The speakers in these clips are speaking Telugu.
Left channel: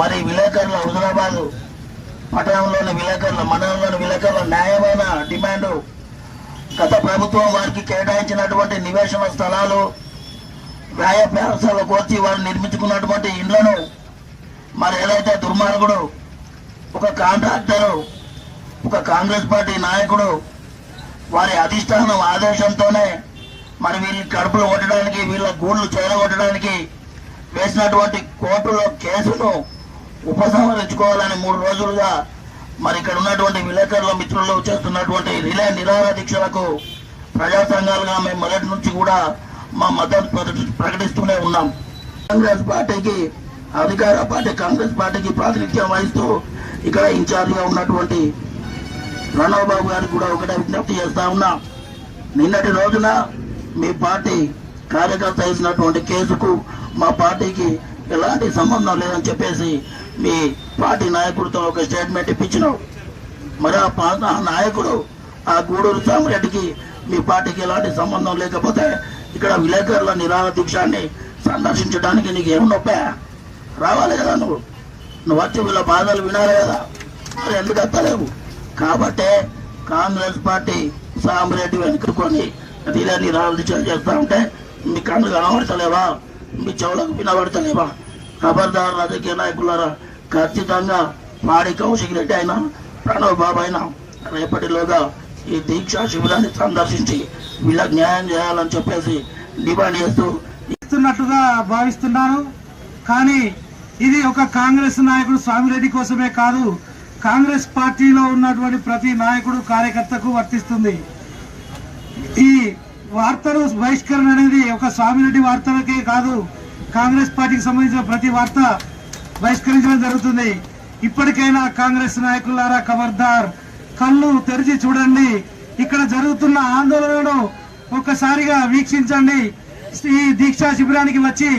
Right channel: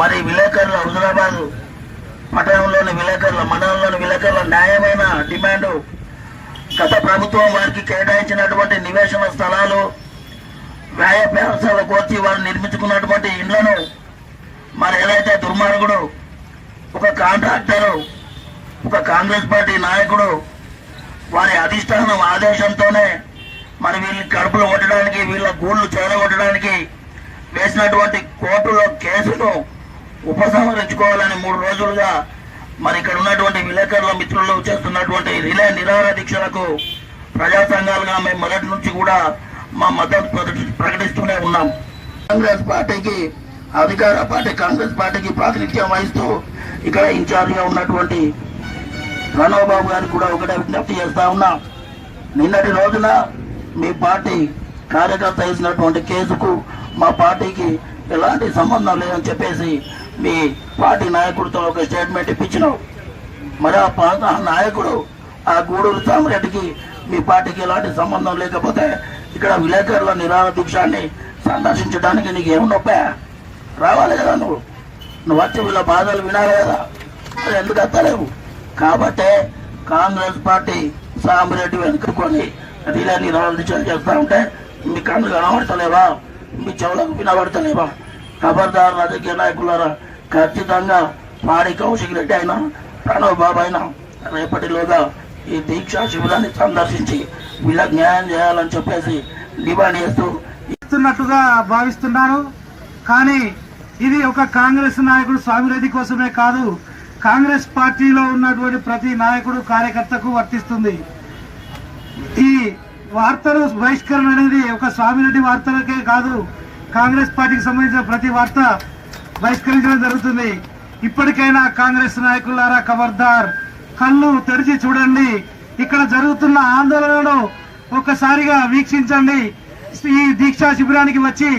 మరి విలేకరుల హుజరాబాద్ పట్టణంలోని విలేకరుల మండలంలోని విలేకరుల న్యాయమైన డిమాండు గత ప్రభుత్వం వారికి కేటాయించినటువంటి నివేశన స్థలాలు వ్యాయ పేరసాలకు వచ్చి వారు నిర్మించుకున్నటువంటి ఇండ్లను మరి ఏదైతే దుర్మార్గుడు ఒక కాంట్రాక్టరు ఒక కాంగ్రెస్ పార్టీ నాయకుడు వారి అధిష్టానం ఆదేశంతోనే మరి వీళ్ళని కడుపులు కొట్టడానికి వీళ్ళ గూళ్ళు చేరగొట్టడానికి వేసినటువంటి కోర్టులో కేసును ఉపసంహరించుకోవాలని 3 రోజులుగా మరి ఇక్కడ ఉన్నటువంటి విలేకరుల మిత్రులు చేస్తున్నటువంటి రిలే నిరాహార దీక్షలకు ప్రజా సంఘాలుగా మేము మొదటి నుంచి కూడా మా మద్దతు ప్రకటిస్తూనే ఉన్నాం. కాంగ్రెస్ పార్టీకి అధికార పార్టీ కాంగ్రెస్ పార్టీకి ప్రాతినిధ్యం వహిస్తూ ఇక్కడ ఇన్ఛార్జిగా ఉన్నటువంటి ప్రణవ్ బాబు గారికి కూడా ఒకటే విజ్ఞప్తి చేస్తా ఉన్నా. నిన్నటి రోజున మీ పార్టీ కార్యకర్త వేసినటువంటి కేసుకు మా పార్టీకి ఎలాంటి సంబంధం లేదని చెప్పేసి మీ పార్టీ నాయకుడితో ఒక స్టేట్మెంట్ ఇప్పించినావు. మరి ఆ నాయకుడు ఆ గూడూరు సామిరెడ్డికి మీ పార్టీకి ఎలాంటి సంబంధం లేకపోతే ఇక్కడ విలేకరుల నిరాహార దీక్షాన్ని సందర్శించడానికి నీకు ఏమున్నొప్పా? రావాలి కదా, నువ్వు వచ్చి వీళ్ళ బాధలు వినాలి కదా, ఎందుకు వస్తలేవు? కాబట్టే కాంగ్రెస్ పార్టీ సామిరెడ్డి వెనుకొని రిలే నిరాహార దీక్షలు చేస్తా ఉంటే మీ కళ్ళు కనబడతలేవా? మీ చెవులకు వినబడతలేవా? ఖబర్దార్ రాజకీయ నాయకులారా, ఖచ్చితంగా పాడి కౌశిక్ రెడ్డి అయినా ప్రణవ్ బాబు అయినా రేపటిలోగా ఈ దీక్షా శిబిరాన్ని సందర్శించి వీళ్ళకి న్యాయం చేయాలని చెప్పేసి డిమాండ్ చేస్తున్నట్టుగా భావిస్తున్నాను. కానీ ఇది ఒక కాంగ్రెస్ నాయకుడు స్వామిరెడ్డి కోసమే కాదు, కాంగ్రెస్ పార్టీలో ఉన్నటువంటి ప్రతి నాయకుడు కార్యకర్తకు వర్తిస్తుంది. ఈ వార్తలు బహిష్కరణ అనేది ఒక స్వామిరెడ్డి వార్తలకే కాదు, కాంగ్రెస్ పార్టీకి సంబంధించిన ప్రతి వార్త బహిష్కరించడం జరుగుతుంది. ఇప్పటికైనా కాంగ్రెస్ నాయకులారా ఖబర్దార్, కళ్ళు తెరిచి చూడండి. ఇక్కడ జరుగుతున్న ఆందోళనను ఒక్కసారిగా వీక్షించండి. ఈ దీక్షా శిబిరానికి వచ్చి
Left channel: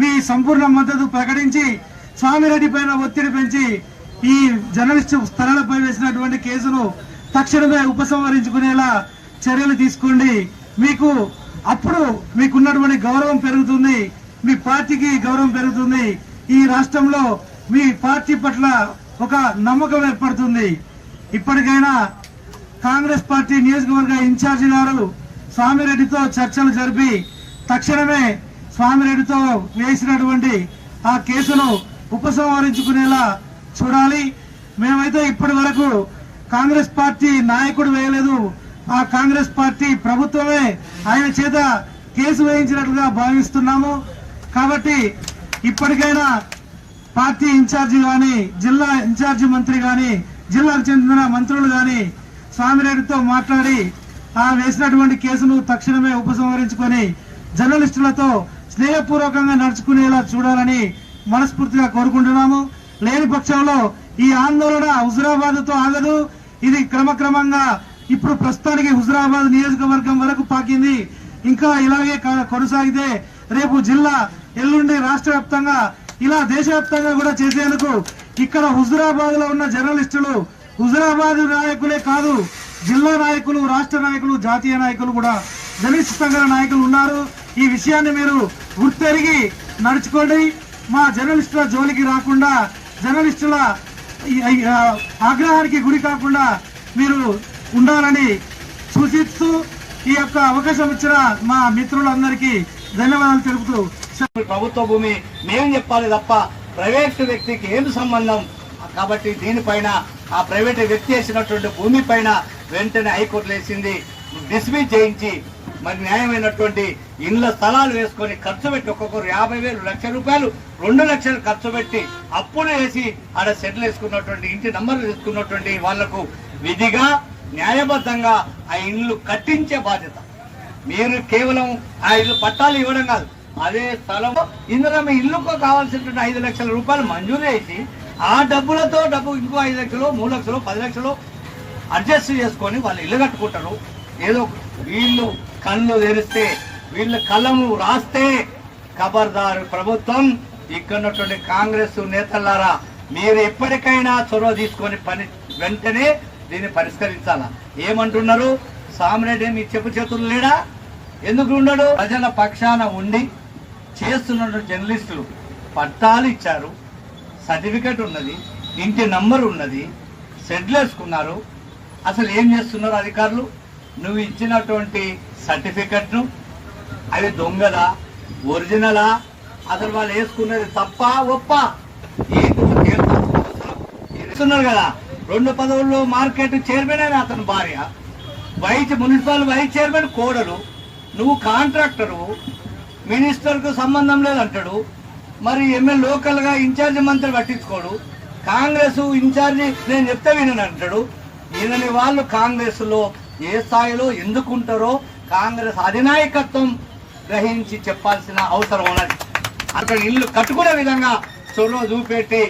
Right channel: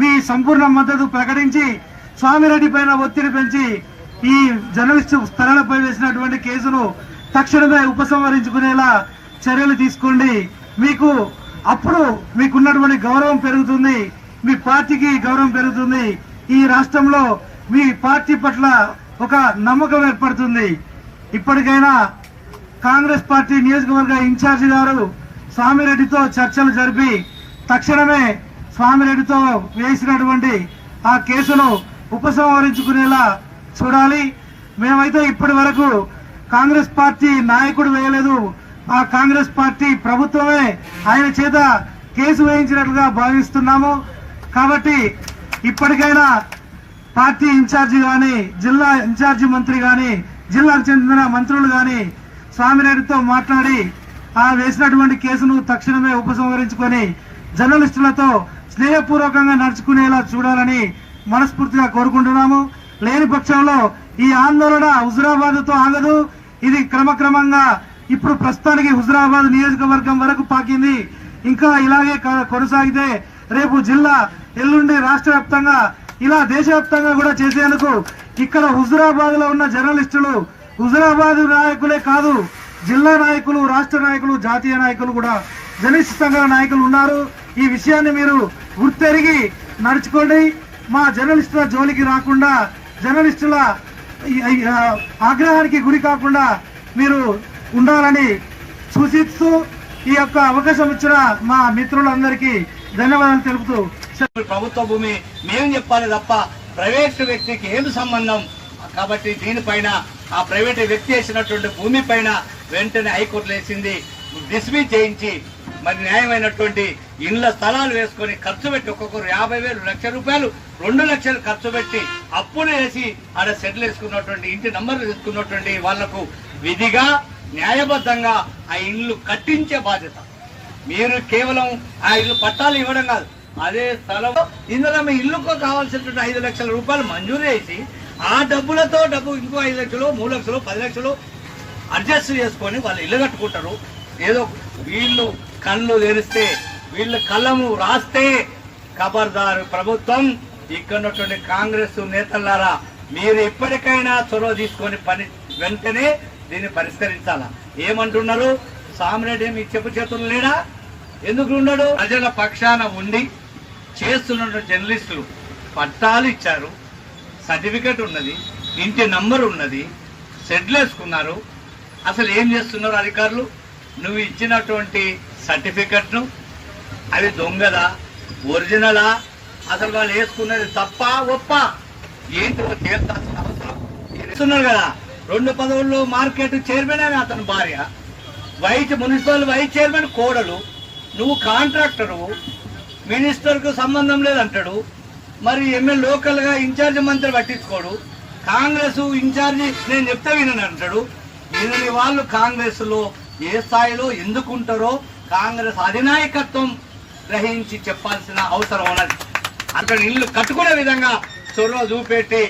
మీ సంపూర్ణ మద్దతు ప్రకటించి స్వామిరెడ్డి పైన ఒత్తిడి పెంచి ఈ జర్నలిస్టు స్థలాలపై వేసినటువంటి కేసును తక్షణమే ఉపసంహరించుకునేలా చర్యలు తీసుకోండి. అప్పుడు మీకున్నటువంటి గౌరవం పెరుగుతుంది, మీ పార్టీకి గౌరవం పెరుగుతుంది. ఈ రాష్ట్రంలో మీ పార్టీ పట్ల ఒక నమ్మకం ఏర్పడుతుంది. ఇప్పటికైనా కాంగ్రెస్ పార్టీ నియోజకవర్గ ఇన్ఛార్జి గారు స్వామిరెడ్డితో చర్చలు జరిపి తక్షణమే స్వామిరెడ్డితో వేసినటువంటి ఆ కేసును ఉపసంహరించుకునేలా చూడాలి. మేమైతే ఇప్పటి వరకు కాంగ్రెస్ పార్టీ నాయకుడు వేయలేదు, ఆ కాంగ్రెస్ పార్టీ ప్రభుత్వమే ఆయన చేత కేసు వేయించినట్లుగా భావిస్తున్నాము. కాబట్టి ఇప్పటికైనా పార్టీ ఇన్ఛార్జి గాని, జిల్లా ఇన్ఛార్జి మంత్రి గాని, జిల్లాకు చెందిన మంత్రులు గాని స్వామిరెడ్డితో మాట్లాడి ఆ వేసినటువంటి కేసును తక్షణమే ఉపసంహరించుకొని జర్నలిస్టులతో స్నేహపూర్వకంగా నడుచుకునేలా చూడాలని మనస్ఫూర్తిగా కోరుకుంటున్నాము. లేని పక్షంలో ఈ ఆందోళన హుజురాబాద్తో ఆగదు. ఇది క్రమక్రమంగా ఇప్పుడు ప్రస్తుతానికి హుజురాబాద్ నియోజకవర్గం వరకు పాకింది. ఇంకా ఇలాగే కొనసాగితే రేపు జిల్లా, ఎల్లుండి రాష్ట్ర వ్యాప్తంగా, ఇలా దేశవ్యాప్తంగా కూడా చేసేందుకు ఇక్కడ హుజురాబాద్ లో ఉన్న జర్నలిస్టులు, హుజురాబాద్ నాయకులే కాదు, జిల్లా నాయకులు, రాష్ట్ర నాయకులు, జాతీయ నాయకులు కూడా, జర్నలిస్టు సంఘాల నాయకులు ఉన్నారు. ఈ విషయాన్ని మీరు గుర్తెరిగి నడుచుకోండి. మా జర్నలిస్టుల జోలికి రాకుండా, జర్నలిస్టుల ఆగ్రహానికి గురి కాకుండా మీరు ఉండాలని సూచిస్తూ ఈ యొక్క అవకాశం ఇచ్చిన మా మిత్రులందరికీ ధన్యవాదాలు తెలుపుతూ, ప్రభుత్వ భూమి మేము చెప్పాలి తప్ప ప్రైవేట్ వ్యక్తికి ఏం సంబంధం? కాబట్టి దీనిపైన ఆ ప్రైవేట్ వ్యక్తి వేసినటువంటి భూమి పైన వెంటనే హైకోర్టులో వేసింది డిస్మిస్ చేయించి మరి న్యాయమైనటువంటి ఇండ్ల స్థలాలు వేసుకొని ఖర్చు పెట్టి ఒక్కొక్కరు 50,000, 1,00,000 రూపాయలు, 2 లక్షలు ఖర్చు పెట్టి అప్పులు వేసి ఆడ సెటిల్ వేసుకున్నటువంటి ఇంటి నంబర్లు తీసుకున్నటువంటి వాళ్లకు విధిగా న్యాయబద్ధంగా ఆ ఇండ్లు కట్టించే బాధ్యత. మీరు కేవలం ఆ ఇల్లు పట్టాలు ఇవ్వడం కాదు, అదే స్థలం ఇందులో మీ ఇల్లుకు కావాల్సినటువంటి 5 లక్షల రూపాయలు మంజూరు చేసి ఆ డబ్బులతో ఇంకో 5 లక్షలు, 3 లక్షలు, 10 లక్షలు అడ్జస్ట్ చేసుకొని వాళ్ళు ఇల్లు కట్టుకుంటారు. ఏదో వీళ్ళు కళ్ళు తెరిస్తే, వీళ్ళు కళ్ళము రాస్తే ఖబర్దారు ప్రభుత్వం, ఇక్కడ కాంగ్రెస్ నేతలారా, మీరు ఎప్పటికైనా చొరవ తీసుకొని వెంటనే దీన్ని పరిష్కరించాలా. ఏమంటున్నారు? సామిరెడ్డి మీ చెప్పు చేతులు లేడా? ఎందుకు ఉన్నాడు? ప్రజల పక్షాన ఉండి చేస్తున్న జర్నలిస్టులు పట్టాలు ఇచ్చారు, సర్టిఫికెట్ ఉన్నది, ఇంటి నంబర్ ఉన్నది, షెడ్లు వేసుకున్నారు. అసలు ఏం చేస్తున్నారు అధికారులు? నువ్వు ఇచ్చినటువంటి సర్టిఫికెట్ను అవి దొంగలా ఒరిజినలా, అసలు వాళ్ళు వేసుకున్నది తప్ప ఒప్ప ఏంటో తేల్చాల్సిన అవసరం ఇస్తున్నారు కదా. 2 పదవుల్లో మార్కెట్ చైర్మన్ అతని భార్య, మున్సిపల్ వైస్ చైర్మన్ కోడలు, నువ్వు కాంట్రాక్టరు, మినిస్టర్కు సంబంధం లేదంటాడు. మరి ఎమ్మెల్యే లోకల్ గా ఇన్ఛార్జ్ మంత్రి పట్టించుకోడు, కాంగ్రెస్ ఇన్ఛార్జి నేను చెప్తే వినని అంటాడు. వినని వాళ్ళు కాంగ్రెస్ లో ఏ స్థాయిలో ఎందుకుంటారో కాంగ్రెస్ అధినాయకత్వం గ్రహించి చెప్పాల్సిన అవసరం ఉన్నది. అక్కడ ఇల్లు కట్టుకునే విధంగా చొరవ చూపెట్టి